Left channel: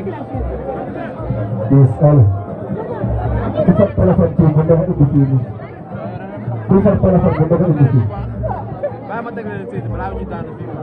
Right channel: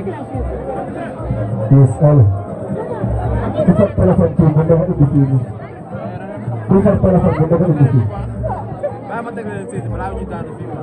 DSL. Isang telepon po ba na ibigin? Isang telepon po ba na ibigin? Ah, matagal na sila. Marami dito na sila.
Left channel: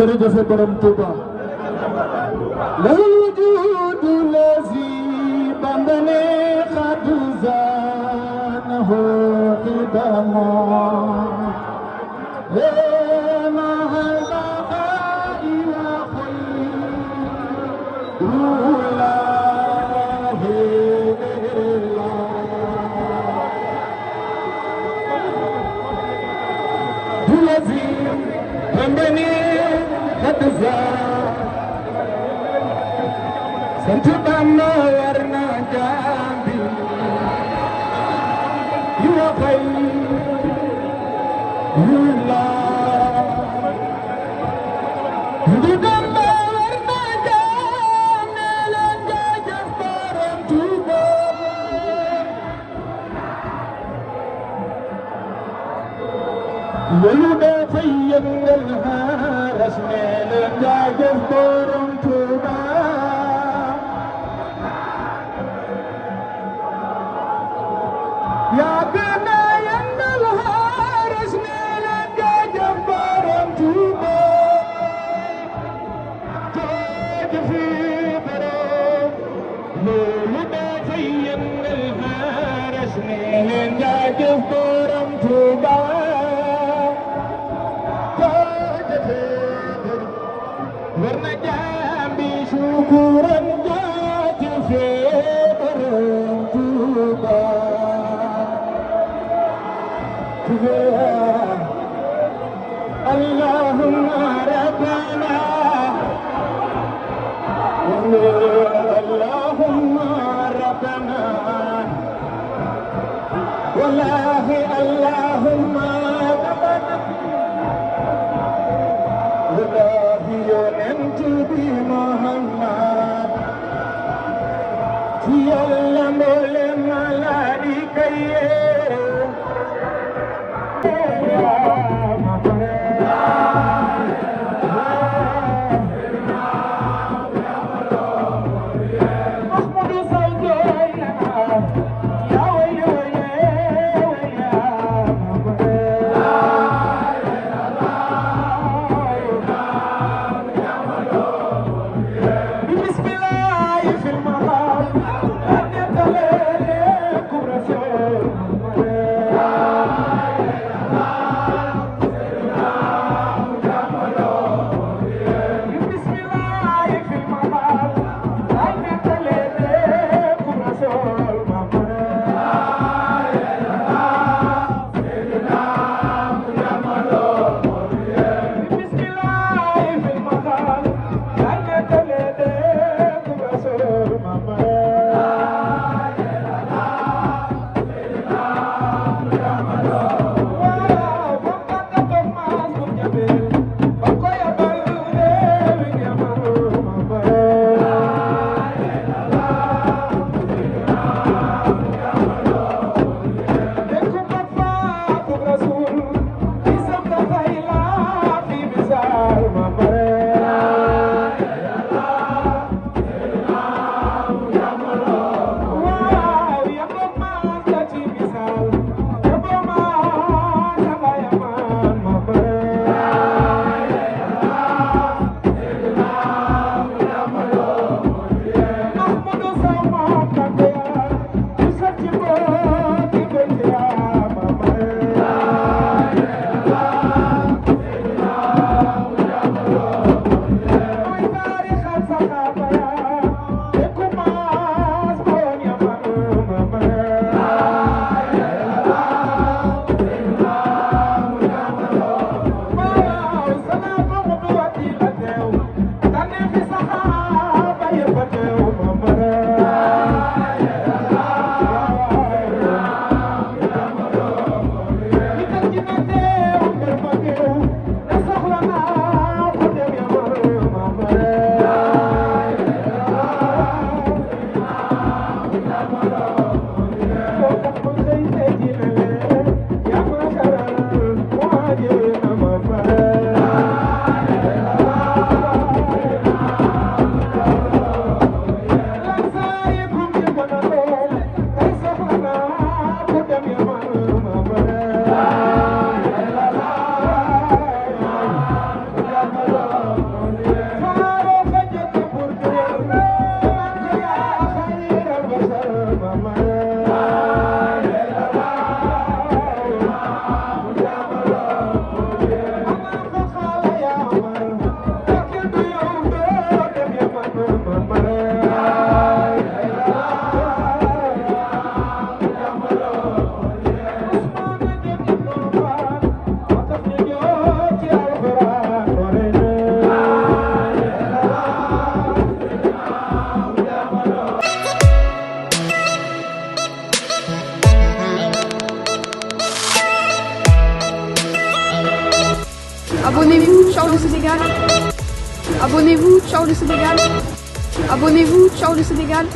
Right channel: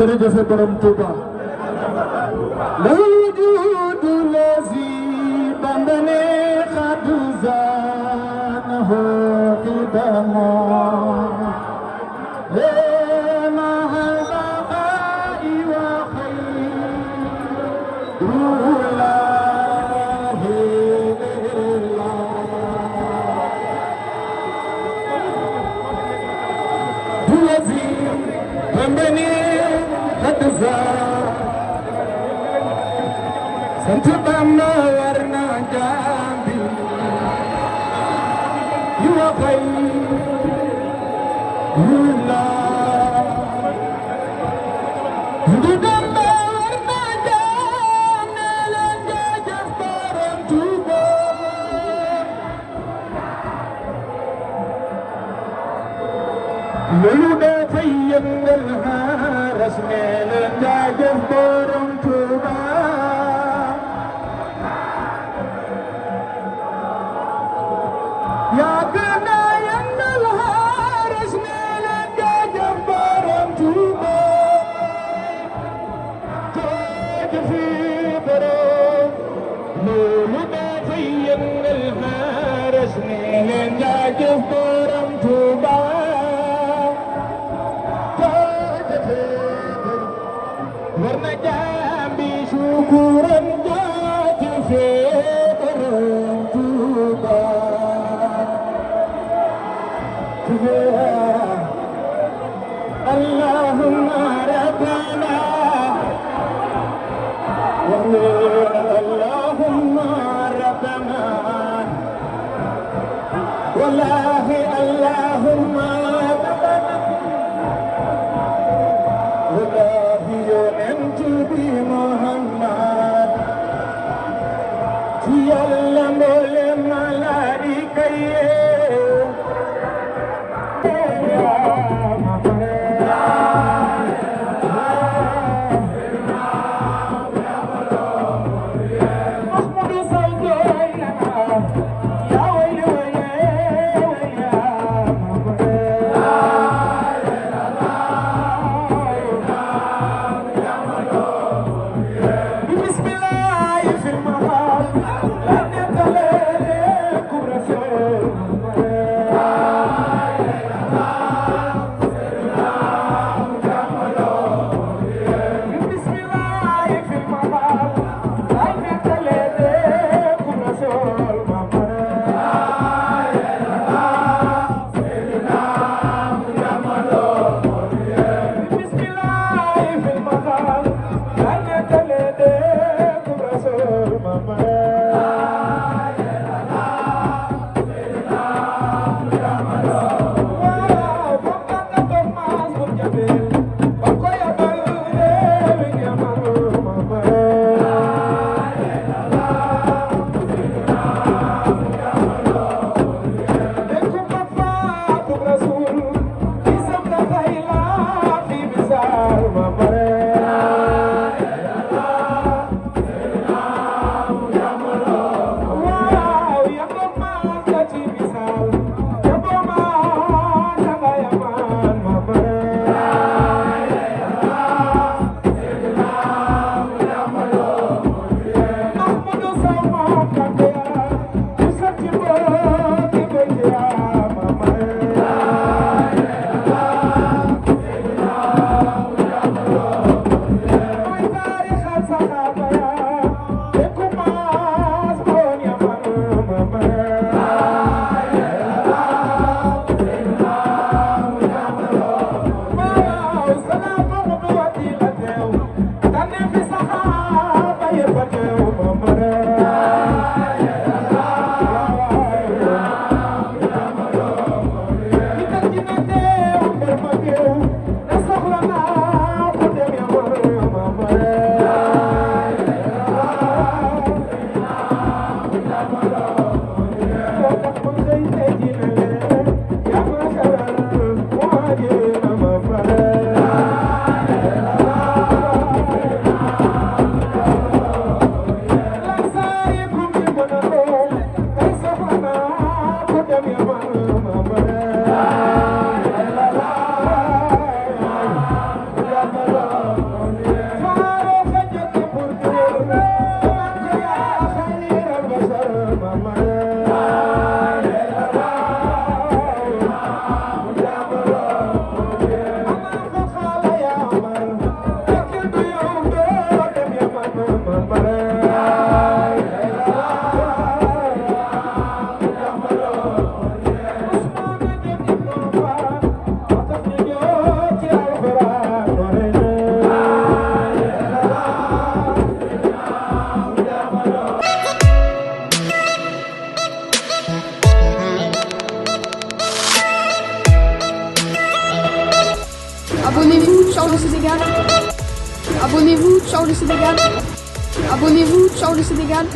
jërëjëf borom Touba la wujudu lazi bandane khadu zanahu qidamo lena halqai wa Santana warna jambi, you are fine, you love, you don't know warna jambi, lanja jamparan juga. You don't find الهارس لanja jamparan juga. Warna jambi syukuran jadi sekarang juga. Allahumma rabbana Allahumma rabbana wallahi Allahumma rabbana wallahi yunanti bi Muhammad yalla molen alani kaye Abonnez-vous, ciao le Sénégal. Abonnez-vous, ciao le Sénégal. Abonnez-vous, ciao le Sénégal.